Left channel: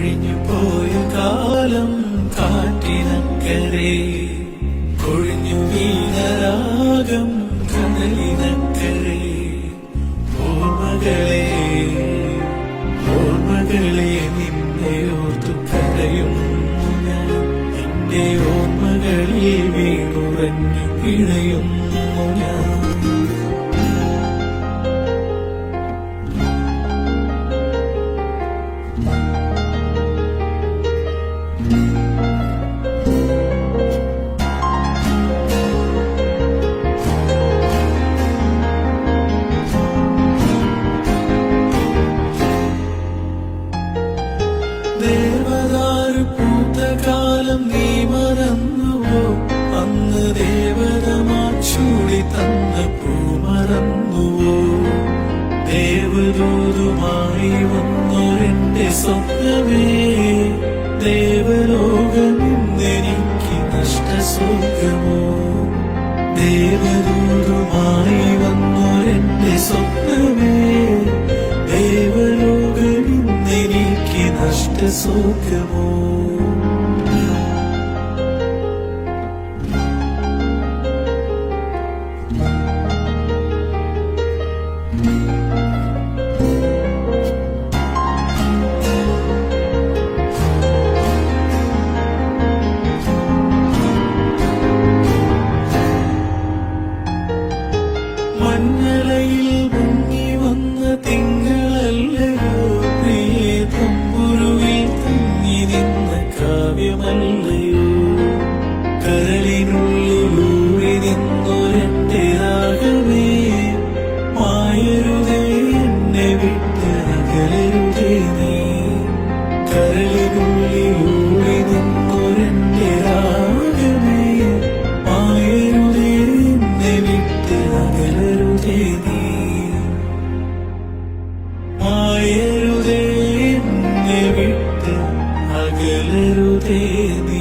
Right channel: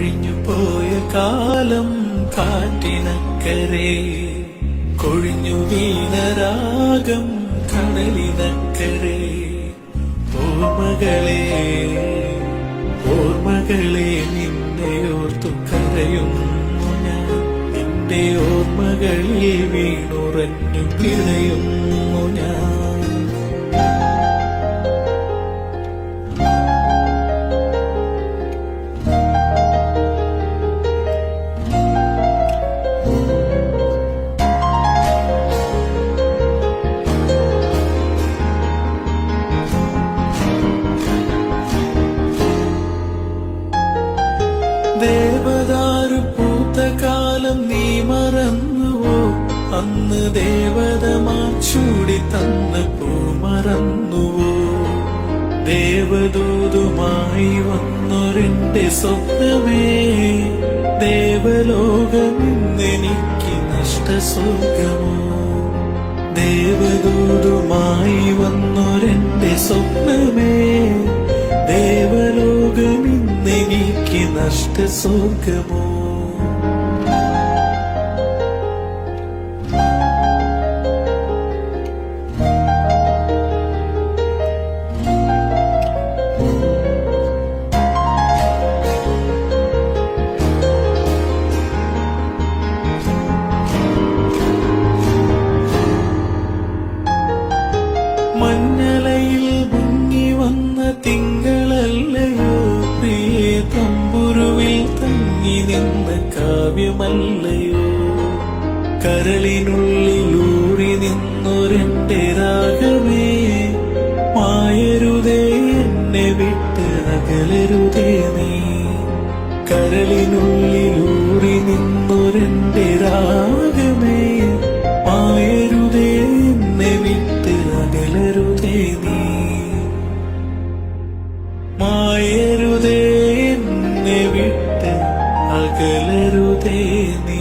കഴിഞ്ഞു പോയ കാലം കാറ്റിനക്കരെ, കൊഴിഞ്ഞു വീണരാഗം കടലിനക്കരെ. ഓർമ്മകളെ ഓർമ്മകളെ നിന്നെയോർത്തു കരയുന്നു ഞാൻ, നിന്റെ ഓർമ്മകളിൽ വീണുറഞ്ഞു പിഴയുന്നു ഞാൻ. ദേവദാരു പൂത്ത കാലം നീ മറന്നുവോ? അന്ന് ദേവതമാർ ചൂടി തന്ന പൂ മറന്നുവോ? ദേവദൂതുമായി വന്നൊരെന്റെ സ്വപ്നമേ, ദേവലോകമെന്നെനിക്ക് നഷ്ടസ്വർഗമോ? ദേവദൂതുമായി വന്നൊരെന്റെ സ്വപ്നമേ, ദേവലോകമെന്നെനിക്ക് നഷ്ടസ്വർഗമോ? മഞ്ഞലയിൽ മുങ്ങി വന്ന തിങ്കളല്ലയോ പ്രിയേ, തമ്പുരുവിൽ തങ്ങി നിന്ന കാവ്യമല്ലയോ? കരളിനുള്ളിലൂറി നിന്നൊരെന്റെ രാഗമേ, മായരുതേ എന്നെ വിട്ട് അകലരുതേ നീ. കരളിനുള്ളിലൂറി നിന്നൊരെന്റെ രാഗമേ, മായരുതേ എന്നെ വിട്ട് അകലരുതേ നീ. മായരുതേ എന്നെ വിട്ട് അകലരുതേ നീ.